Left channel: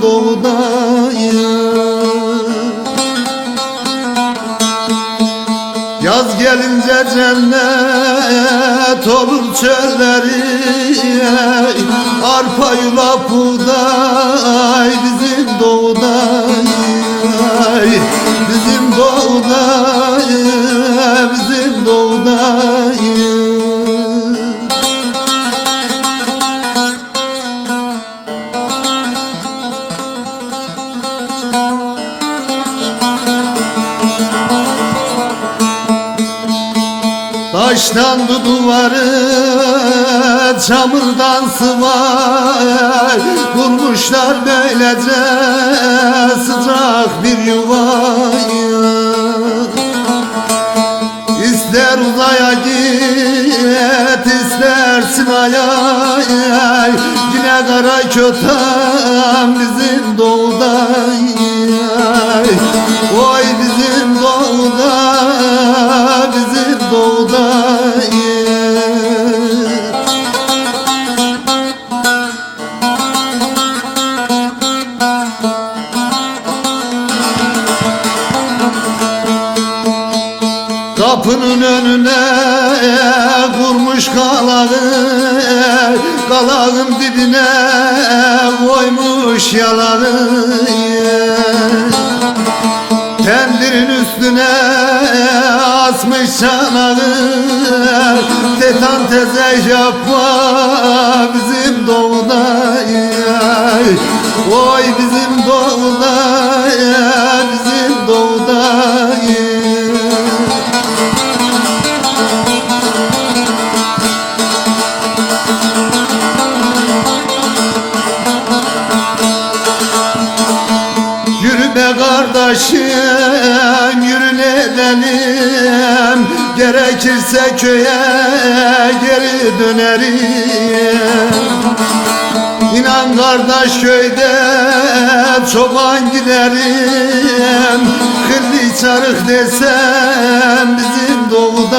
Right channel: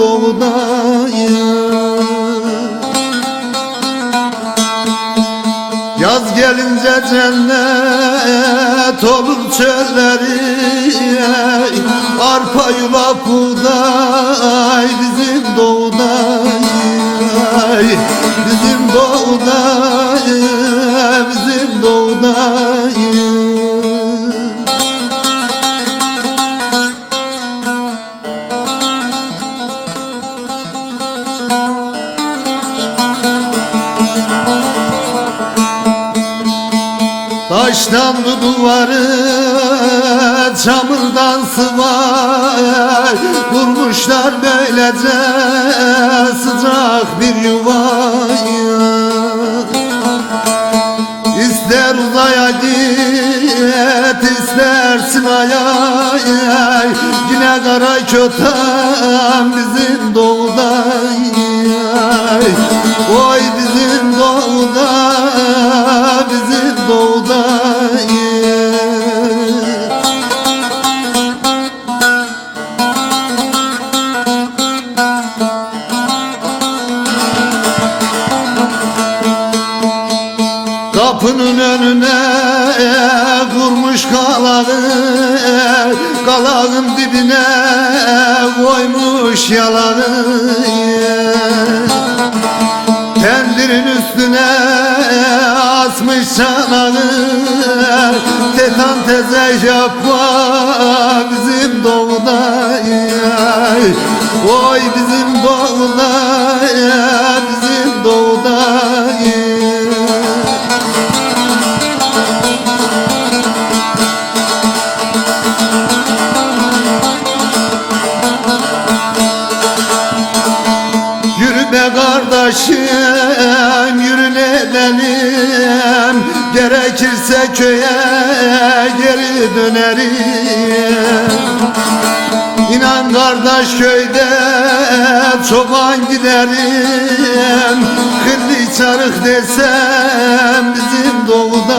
doğudayım. Yaz gelince cennet olur çölleri, arpa yulaf buğday bizim doğudayım. Bizim doğudayım, bizim doğudayım. Taşlandı duvarı, çamurdan sıvay, kurmuşlar böylece sıcak bir yuvayı. İster uzaya git, istersin aya, yine kara köten bizim doğudayım. Oy bizim doğuda, bizim doğudayım. Kapının önüne vurmuş kalağı, kalağın dibine koymuş yalanı. Tendirin üstüne asmış çanağı, tetan teze yapma bizim doğudayım. Oy bizim doğudayım, bizim doğudayım. Yürüme kardeşim, yürüne edelim, gerekirse köye geri dönerim. İnan kardeş köyde çoban giderim, kırdı çarık desem bizim doğuda.